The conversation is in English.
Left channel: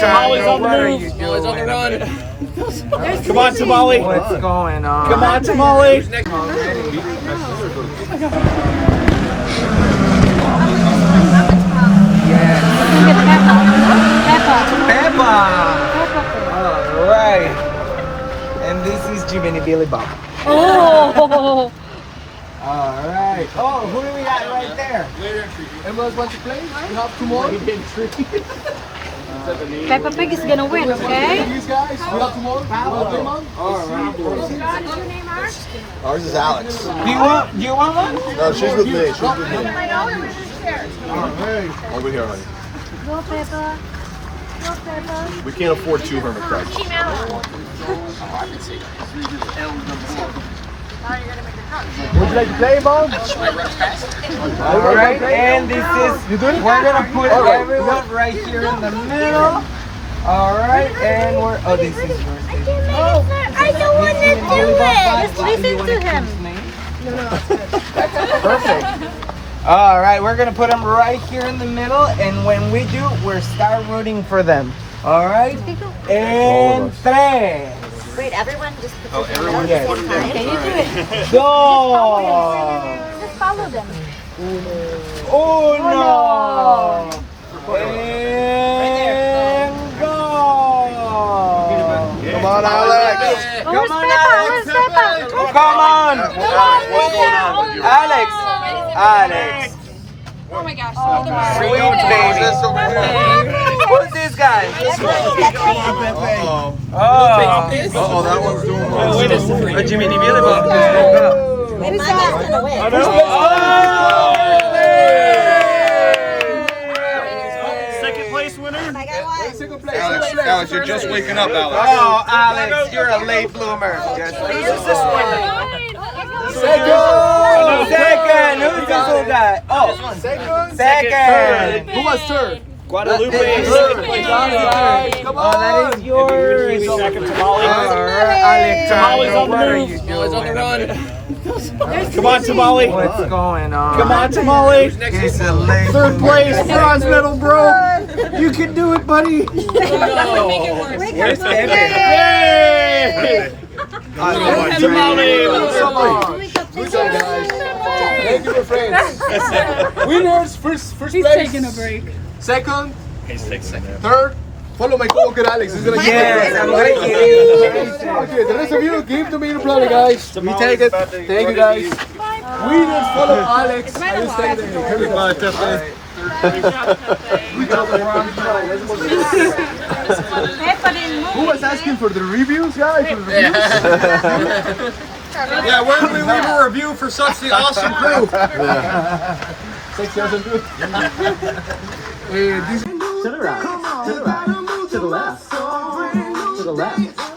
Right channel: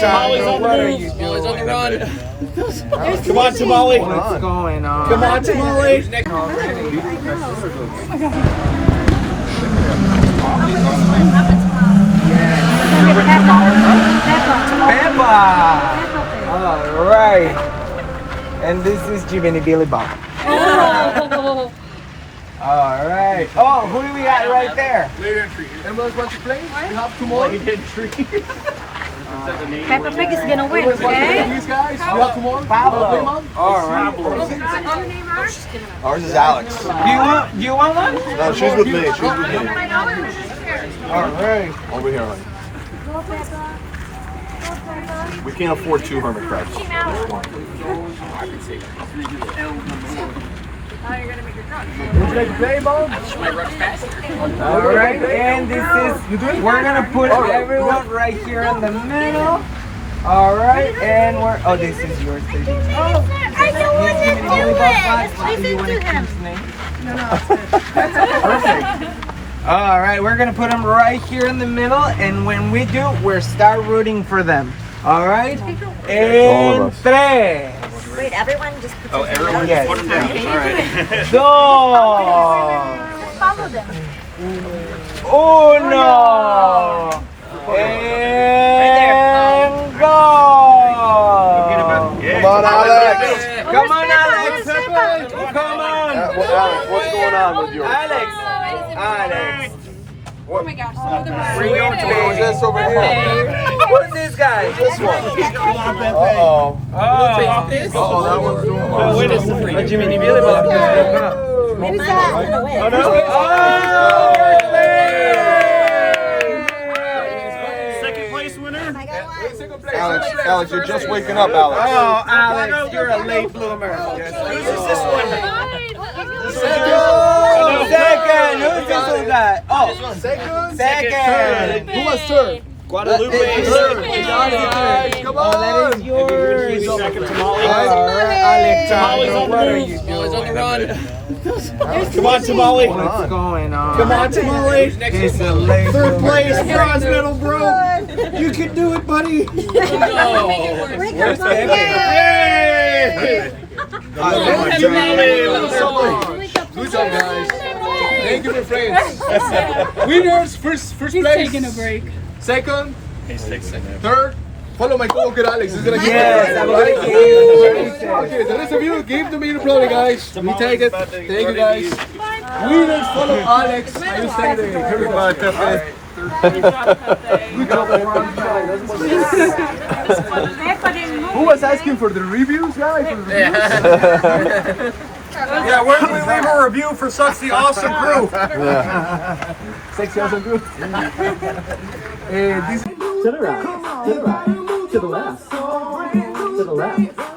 Tamales on the move. Tamales on the run. Come on, Tamale. What's going on? Come on, Tamale. Peppa. Alright. And this is Jiminy Billy Bob. Alright. Oh, who do we got right there? Later entry. Anyone want to play? We have two more. Later entry. Peppa Pig is gonna win, okay? These guys, we have two more. Pablo. Alright. Ours is Alex. Do you want one? No, she's with me. Alright. Over here. We can't afford 2 hermit crabs. Oh, I can see that. Alright, and this is, we're gonna put everyone right here in the middle. Alright, and we're, oh, this is yours, baby. Oh, I don't want to do You want it. to Listen to him. choose name? No. Perfect. Alright, we're gonna put them right here in the middle, and when we do, we'll start rooting for them. Alright? And 3. Wait, everyone just put Oh, everyone Yes. put them down. All right. 2. follow them. 1. And go! Come on, Alex! Come on! What's going on with yours? Alex! Oh my gosh, some of them are. Sweet baby. This over here. Who's this guy? Uh-oh. Oh, That one's doing well. Wait a second. a Jiminy Billy Bob just woke up. Maybe someone's gonna win. Oh no! Second place winner. I got one. Alex, you're just waking up, Alex. Oh, Alex, you're a late bloomer. Just Who's this one? Second. Who's this little guy? Oh, second. Who was third? Guadalupe. Come Oh, that on. is yours. Second Tamale. Alex, Tamales on the what are move. you Tamales on the run. Come on, Tamale. What's going on? Come on, Tamale. It's a late Third bloomer. place, bronze medal, bro. You can do it, buddy. Where's Pepe? Yay! Tamale. Good job, guys. Thank you, my friends. Winners, first place. He's taking a break. Second. Third. Follow my co-worker Alex. He's gonna give Yes, I'm waiting. Okay, the rest of you give the main applause, guys. We take it. Thank you, guys. Winners, follow Alex. I will stay there. Everybody. Good job, everyone. Who was asking for the reviews, guys? Yeah, where do we leave a review for such the awesome crew? Sexy awesome crew. To the right, to the right, to the left, to the left.